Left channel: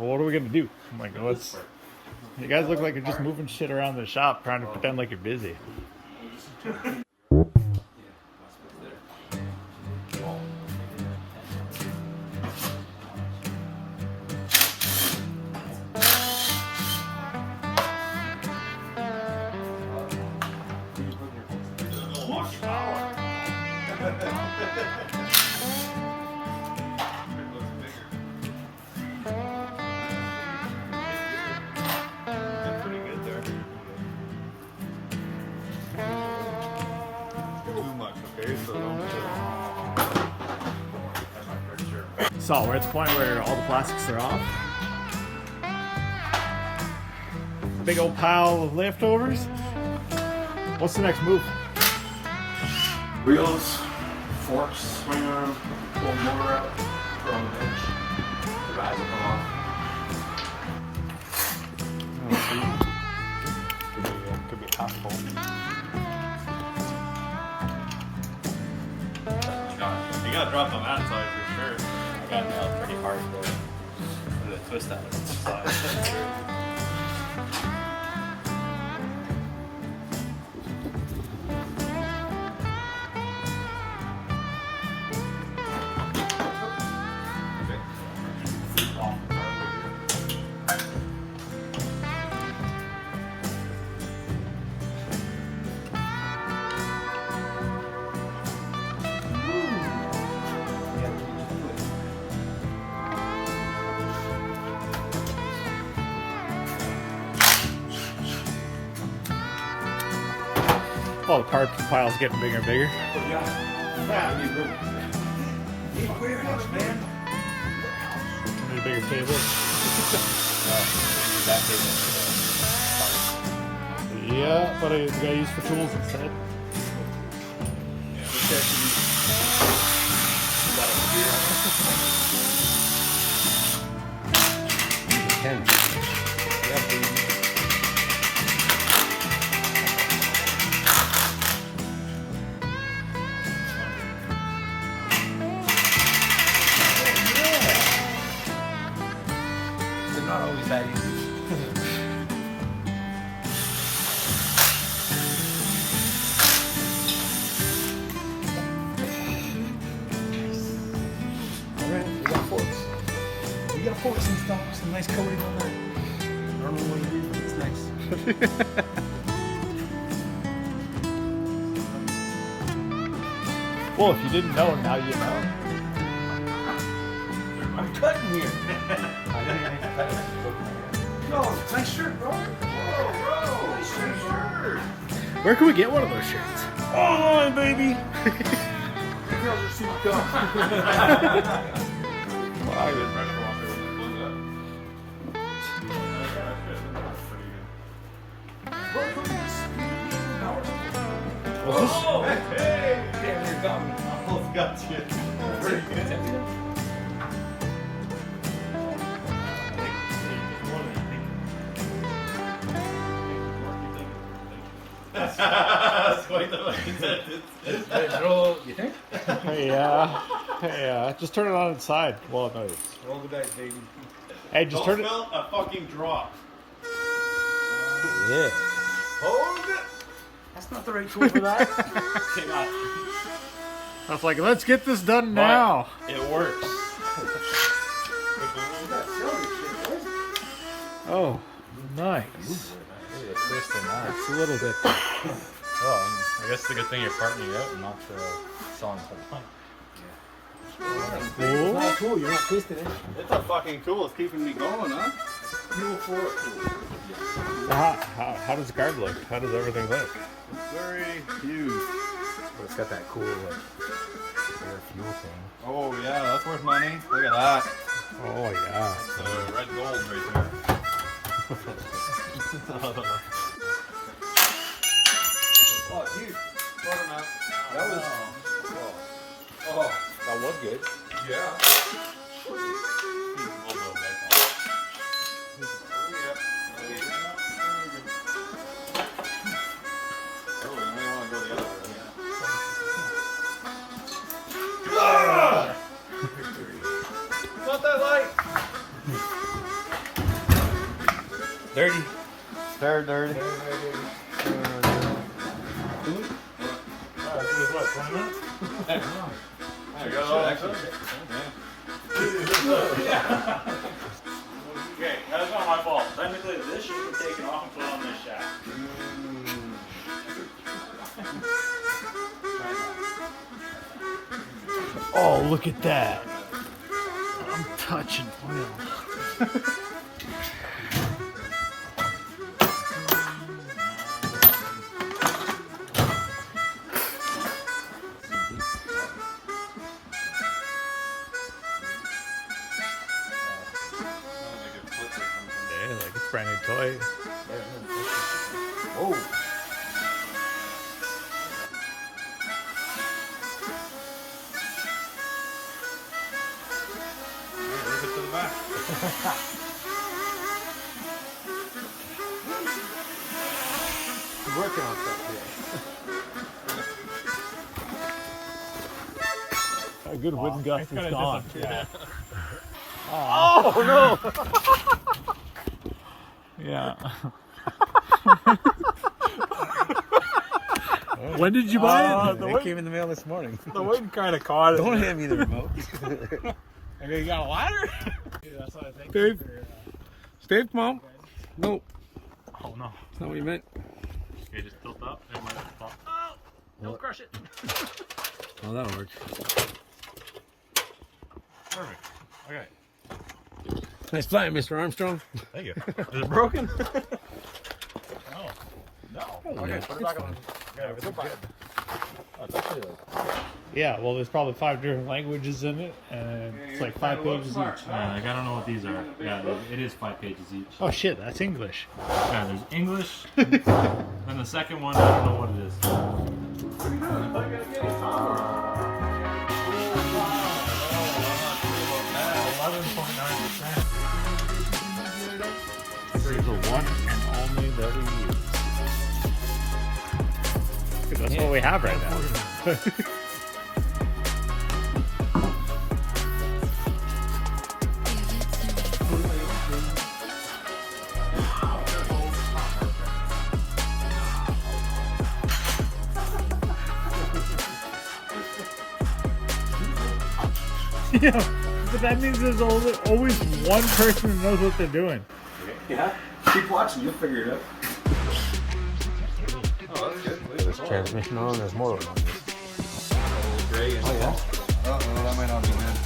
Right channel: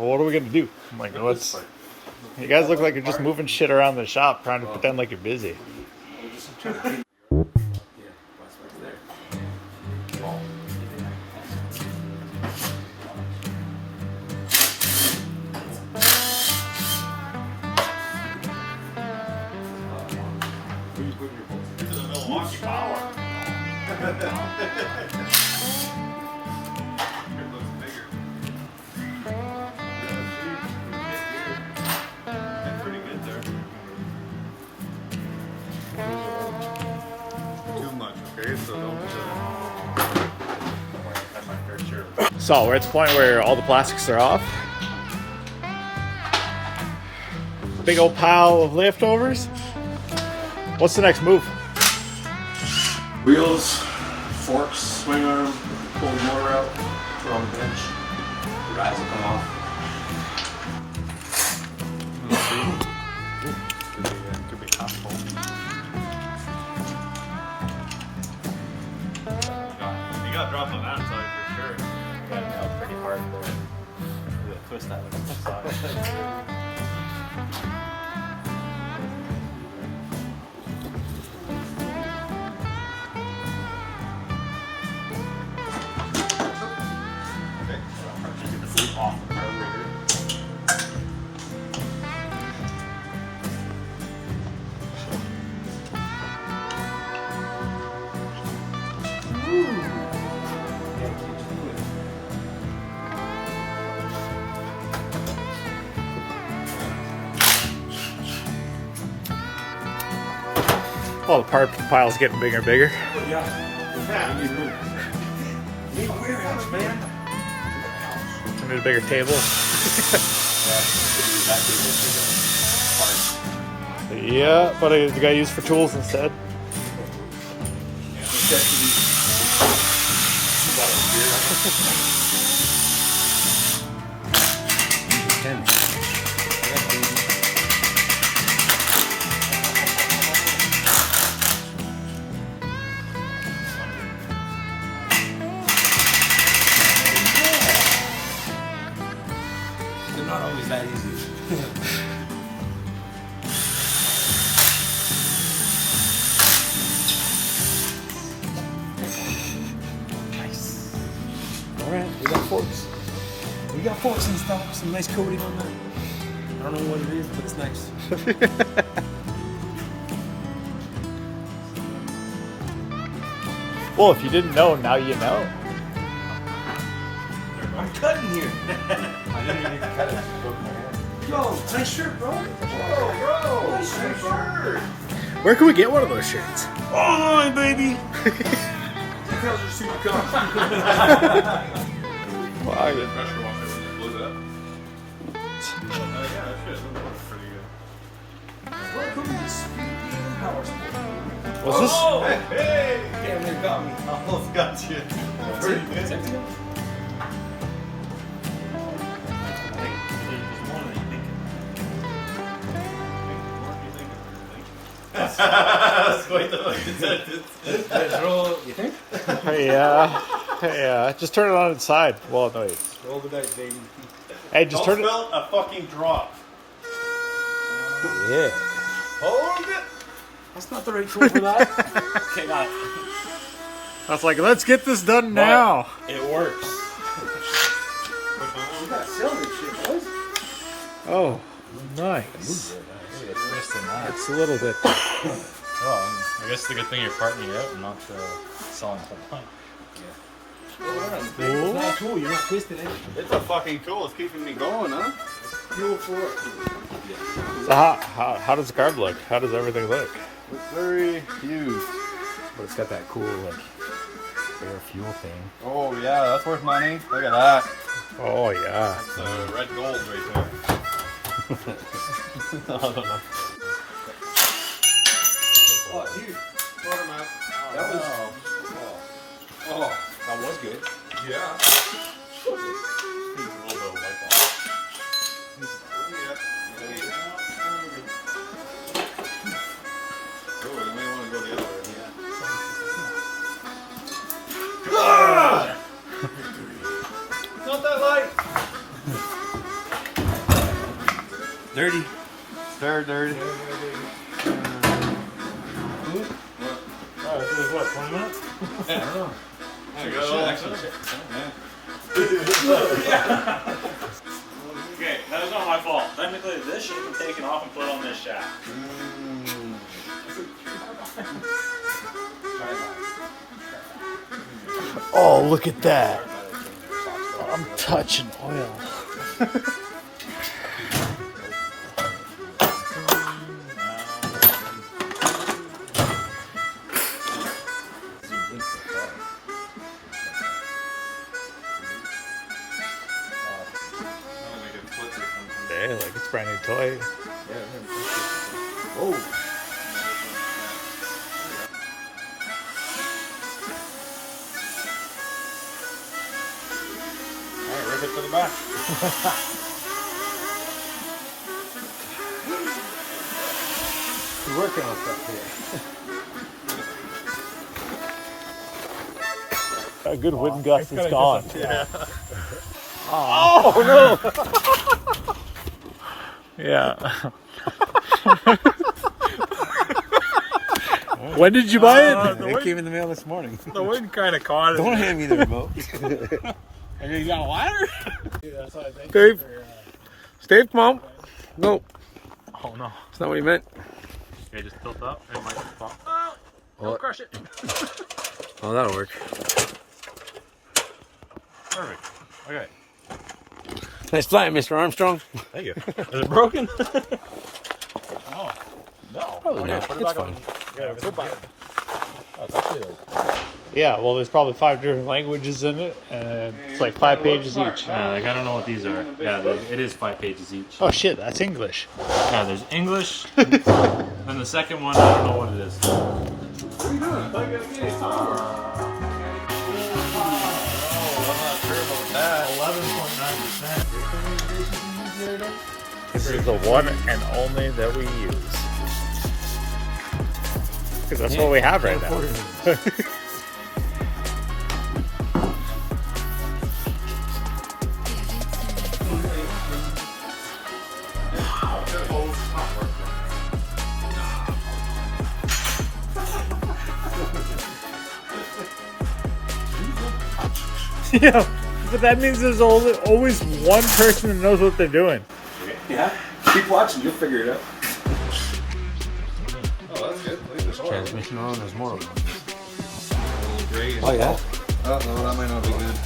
well, what are we gonna do? I'm like, what's? You guys look like you're just moving shit around the shop, trying to pretend like you're busy. So we're at the point where all the plastics are off. Big old pile of leftovers. What's the next move? Wheels, forks, swing arm, pull the motor out, throw on the bench. The guys will come off. Could be possible. You got dropped on that side for sure. I got pretty hard for the twist out of it. Oh, the part pile's getting bigger and bigger. Yeah, we need room. We need a warehouse, man. We need a bigger table. Yeah, but I got used for tools instead. Not always that easy. We got forks and stuff, some nice coating on that. I don't know what it is, but it's nice. Well, if you didn't know, now you know. I'm cutting here. I didn't even cut it. Yo, nice shirt, bro. Whoa, nice shirt. Where can we get one of those shirts? Online, baby. You guys are super cool. What's this? Oh, hey! Damn, you got me. I almost got you. Pretty good. That's quite the fucking sentence. You think? Hey, just turn it on its side. Well, no, Roll the dice, baby. hey, just turn it. Felt a fucking drop. Yeah. Hold it. That's not the right tool for that. Okay, got it. I was like, let's get this done now. It works. Oh, nice. It's a little bit. Well, I guess it's a good thing you're parting it out and not selling the whole plant. It's cool. You're not twisting it. It's a fucking tool. It's keeping me going, huh? Fuel for it. So how does the card look? How does everything look? Very huge. It's got that cool fuel thing. Oh yeah, that's worth money. Look at that. Oh yeah. It's red gold right there. Oh, dude. Put 'em out. That was. Oh, That was good. yeah. Not that light. Dirty. Dirty. Okay, that is not my fault. Technically, this should have been taken off and put on this shaft. Oh, look at that. I'm touching oil. Yeah, like it's brand new toy. Oh. Alright, rip it to the back. Working with that A good wind gust is gone. Yeah. Oh no! Yeah. When did you buy it? It came in the mail this morning. The wind kind of caught it. Don't hand me the remote. And you got a ladder? Dude, that's what I think. Steve. Steve, come on. No, Oh no. that's not what he meant. Okay, just tilt up and pop. What? Crush it. Oh, that'll work. Perfect. Okay. Nice flying, Mr. Armstrong. Thank you. Is it broken? Oh, no. Probably not. It's fine. Yeah, everything's good. Yeah, well, there's probably 5 different languages in it, and it's like 5 pages each. Like I don't know what these are. Yeah, it is 5 pages each. Oh shit, that's English. Yeah, there's English. And the second one, I don't know what it is. This is the one and only that we use. Because that's what we have right now. Yeah, but that means there's always one person that knows what they're doing. Yeah. Keep watching, you'll figure it out. Transmission on, there's more of them. Great. Oh, yeah. Uh-oh, that might not be good.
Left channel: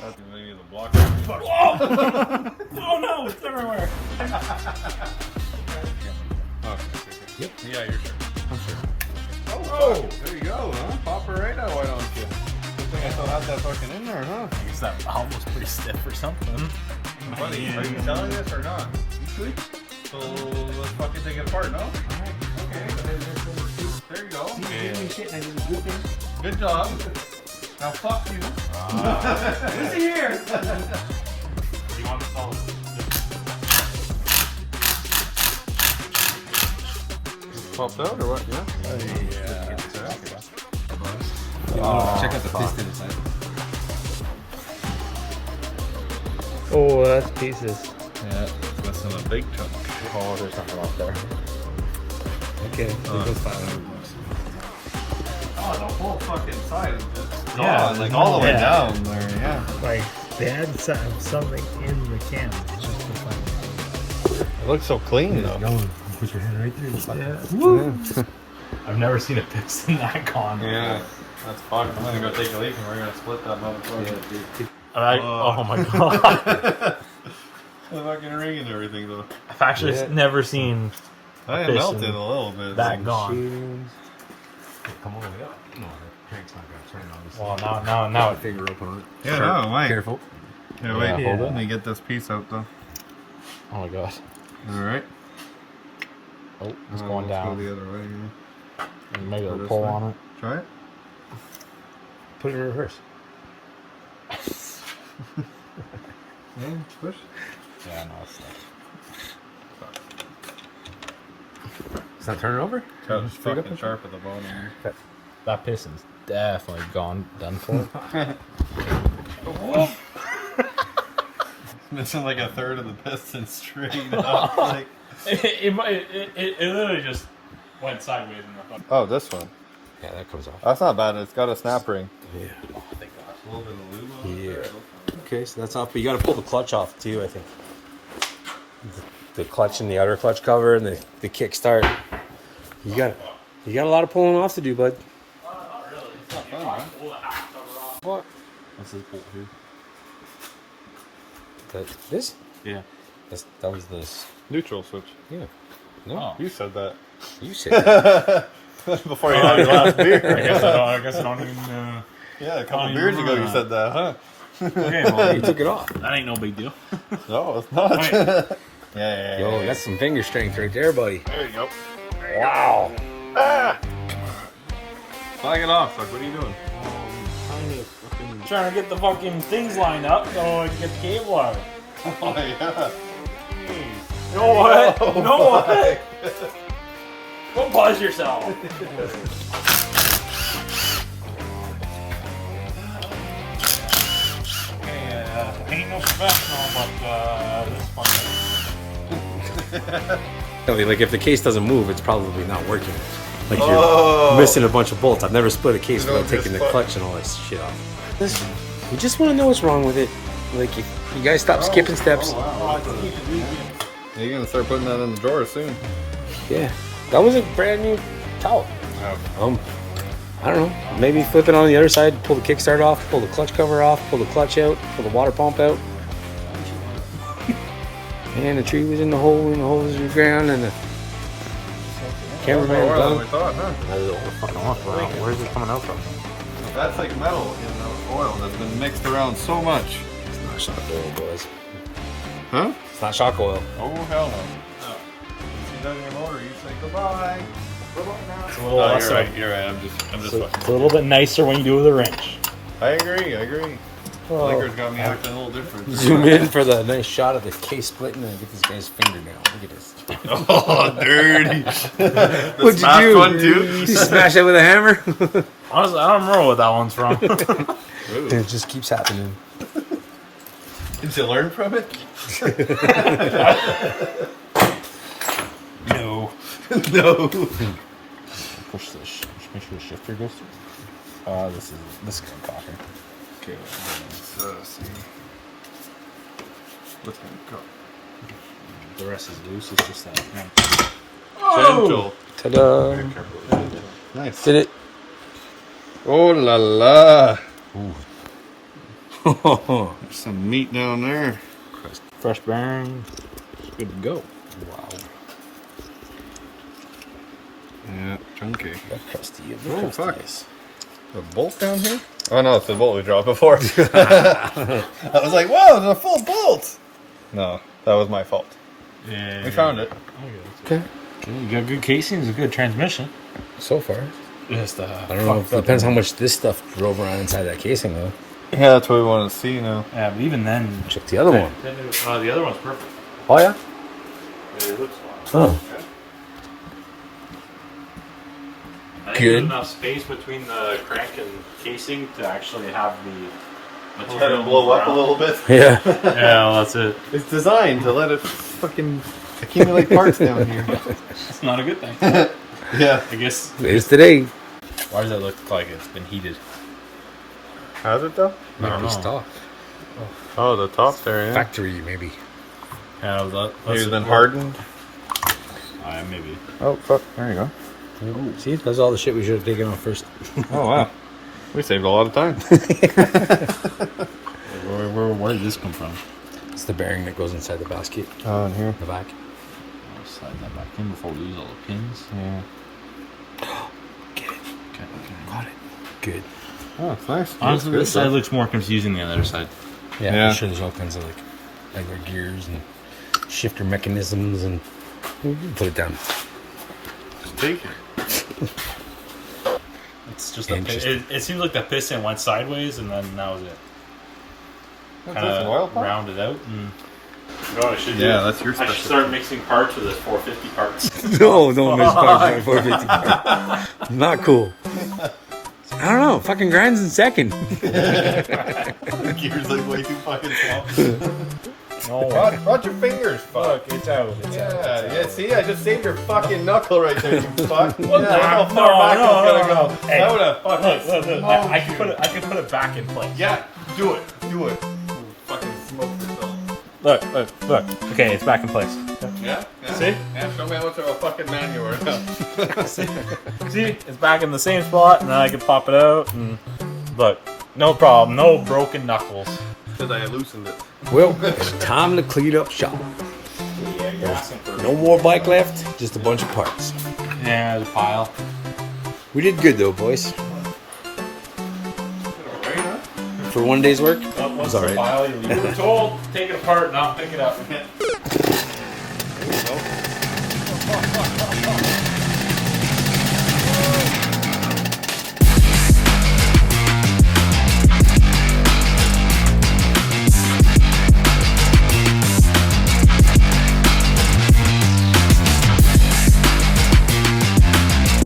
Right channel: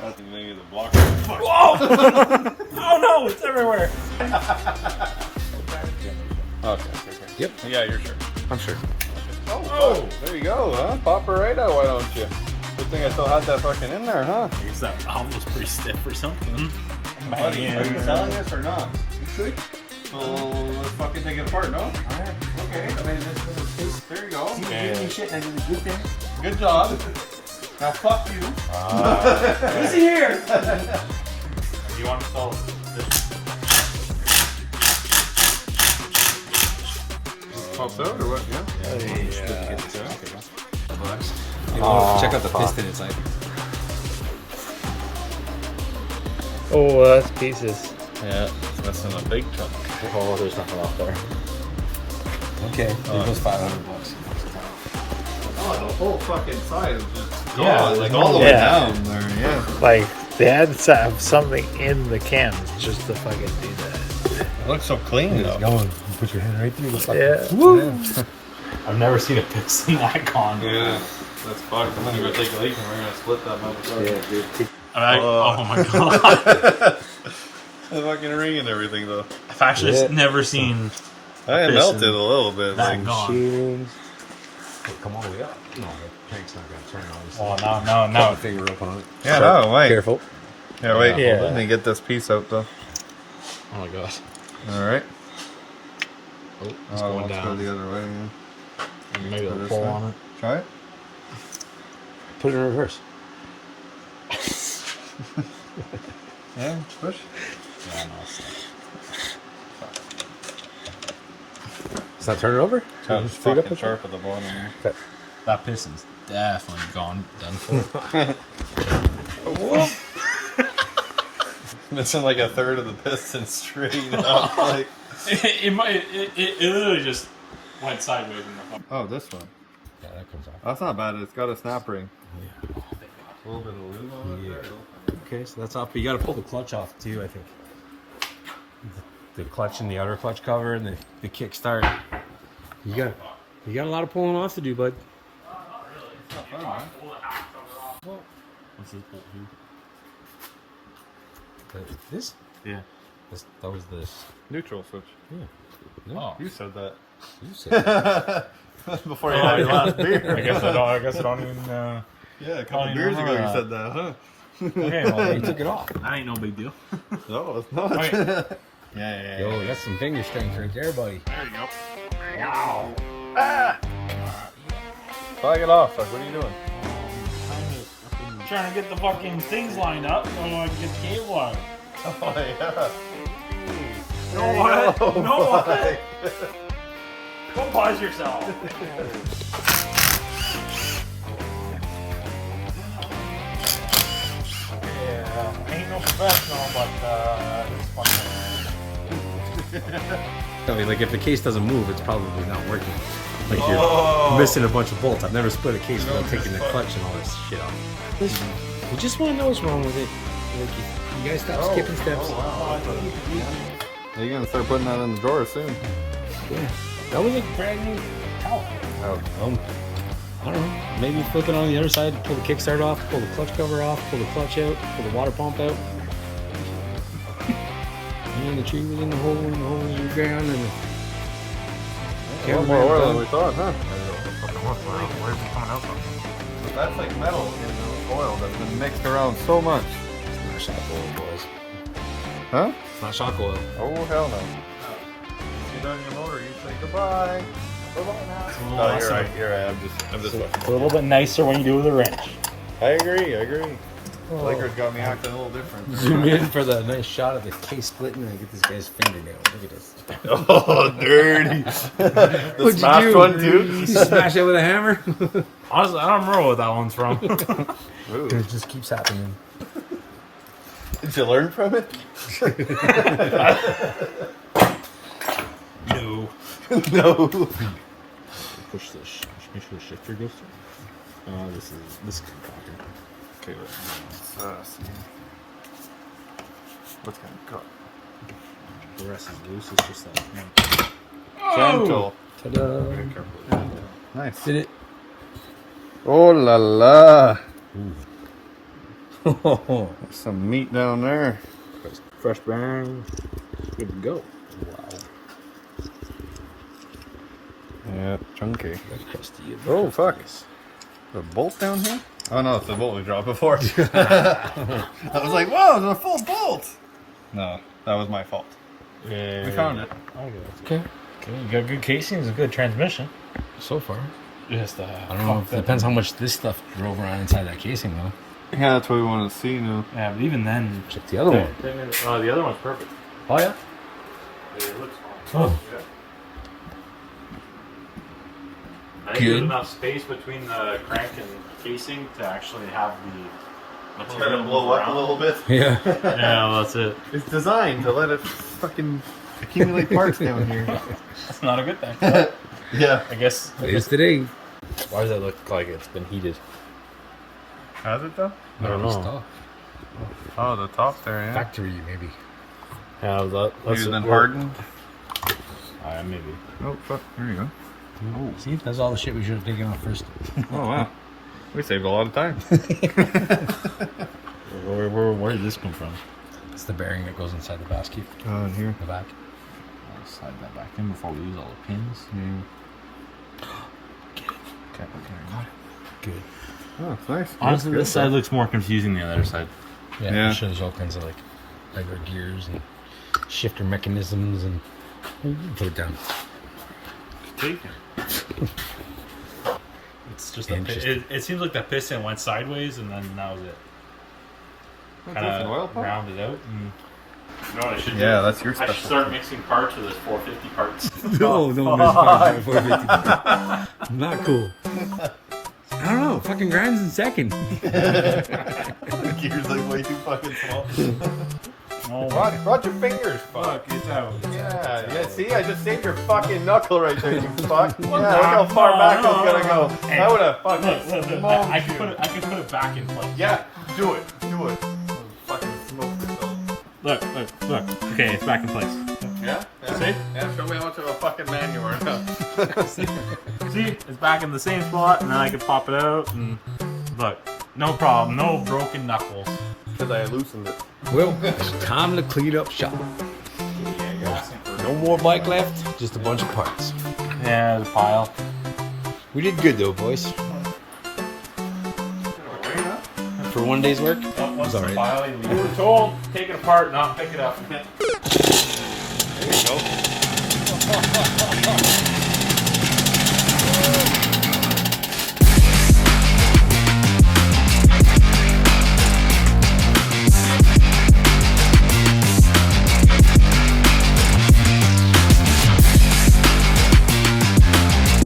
That's the thing is a block. Oh no, it's everywhere. Okay. Yep. Yeah, you're sure. I'm sure. Oh, there you go, huh? Pop her right out, why don't you? Good thing I still had that fucking in there, huh? It's like almost pretty stiff or something. Buddy, are you selling this or not? You could. Let's fucking take it apart, no? Alright, okay. There you go. Good job. Now fuck you. Listen here. You want to solve Pops out or what? Yeah. Check out the piston inside. Oh, that's pieces. Yeah, that's in a big truck. Oh, there's nothing out there. Okay, it was $500. Oh, the whole fucking side is just Yeah, gone, like all the way yeah. down there, yeah. Like, they had to have something in the cans just to fucking do that. It looks so clean though. Put your hand right through. Yeah. I've never seen a piston that gone. Yeah, that's fucked. I'm gonna go take a leak and we're gonna split that motherfucker. Oh my god. The fucking ring and everything though. I've actually never seen I melted a little bit. that gone. Hey, come all the way up. No, the crank's not going to turn on. Oh, now. Finger up on it. Yeah, no, wait. Careful. Yeah, wait. Yeah. Let me get this piece out though. Oh my gosh. All right. Oh, it's going let's go down. the other way. And maybe Go a this pull way. on it. Try it. Put it in reverse. Yeah, push. Yeah, no, it's not turning over? Oh, it's Just pick up fucking the- sharp at the bottom. That piston's definitely gone, done for. Missing like a third of the piston straight up. Like, it literally just went sideways in the front. oh, this one. Yeah, that comes off. That's not bad. It's got a snap ring. Yeah. A little bit of lube on it. Yeah. Okay, so that's off, but you got to pull the clutch off too, I think. The clutch and the outer clutch cover and the kickstart. You got a lot of pulling off to do, bud. It's not fun, man. What? What's this bolt here? This? Yeah. That was this. Neutral switch. Yeah. No, Oh. You said that. you said that. Before you had a beer. I guess I don't even. Yeah, a couple beers ago you said that, huh? Okay, well, You took it off. that ain't no big deal. No, it's not. Okay. Yeah. Yo, that's some finger strength right there, buddy. There you go. Wow. Flag it off. Like, what are you doing? Trying to get the fucking things lined up so I can get the cable out. Oh, yeah. No what? No what? Go pause yourself. Yeah, ain't no professional, but this fucking. Like if the case doesn't move, it's probably not working. Like you're missing a bunch of bolts. I've never split a case without taking the clutch and all this shit off. We just want to know what's wrong with it. Like you guys stop skipping steps. You're gonna start putting that in the drawer soon. Yeah, that was a brand new towel. I don't know. Maybe flip it on the other side, pull the kickstart off, pull the clutch cover off, pull the clutch out, pull the water pump out. And the tree was in the hole in the ground, and the cameraman done. That's like metal in the oil that's been mixed around so much. It's not shock oil, boys. Huh? It's not shock oil. Oh, hell no. You got your motor, you say goodbye. You're right. You're right. I'm just It's a little bit nicer when you do with a wrench. I agree. Liquor's got me acting a little different. Zoom in for the nice shot of the case splitting and get this guy's finger down. Look at this. Oh, dirty. What'd you do? One, too? You smash it with a hammer? Honestly, I don't remember what that one's from. It just keeps happening. Did you learn from it? No. No. Push this. Make sure the shifter goes. This is popping. Okay, let's see. What's going to cut? The rest is loose. It's just that. Gentle. Ta-da! Nice. Did it? Oh la la. Ooh. There's some meat down there. Fresh bearing. It's good to go. Wow. Yeah, chunky. That crusty. Oh, fuck. Yes. The bolt down here? Oh no, it's the bolt we dropped before. I was like, whoa, there's a full bolt. No, that was my fault. Yeah. We found it. Okay. You got good casings, a good transmission. So far. Just I don't know. It depends how much this stuff drove around inside that casing, though. Yeah, that's what we want to see now. Yeah, but even then. Check the other one. The other one's perfect. Oh, yeah? It looks Oh. Good. Enough space between the crank and casing to actually have the Kind material of blow up a around. little bit. Yeah. Yeah, well, that's it. It's designed to let it fucking accumulate parts down here. That's not a good thing. Yeah. I guess. It is today. Why does that look like it's been heated? How's it though? Might be know. stock. Oh, the top there, yeah. Factory, maybe. Yeah, Maybe it's been hardened. Maybe. Oh, fuck. There you go. Ooh. See, that's all the shit we should have taken off first. Oh, wow. We saved a lot of time. Where did this come from? It's the bearing that goes inside the basket. Oh, in here. The back. I'll slide that back in before we lose all the pins. Yeah. Get it. Okay. Got it. Good. Oh, it's nice. Honestly, Looks this good, side looks more confusing than the other side. Yeah, Yeah. I'm sure there's all kinds of like regular gears and shifter mechanisms and you can put it down. Take it. It's just Interesting. it seems like the piston went sideways and then that was it. What's Kind this, an oil of pump? rounded out. And... You know what I should do? Yeah, that's your I should specialty. start mixing parts with this 450 parts. No, don't miss 450. Not cool. I don't know. Fucking grinds in second. Gears like way too fucking small. No. Watch your fingers, fuck. Look, it's out. Yeah, see, I just saved your fucking knuckle right there, you fuck. Yeah, What? look how far back it's gonna go. Hey. That would have fucking. Look, I can put it back in place. Yeah, do it. Fucking smoke yourself. Look. Okay, it's back in place. Yeah? See? Yeah, show me how much of a fucking man you are now. See? It's back in the same spot, and then I can pop it out. And look, no problem. No broken knuckles. Because I loosened it. Well, it's time to clean up shop. Yeah, you're asking for No more bike left, just a bunch of parts. Yeah, the pile. We did good though, boys. For one day's work, What's all the right. pile you leave? We're told, take it apart, not pick it up. There you go.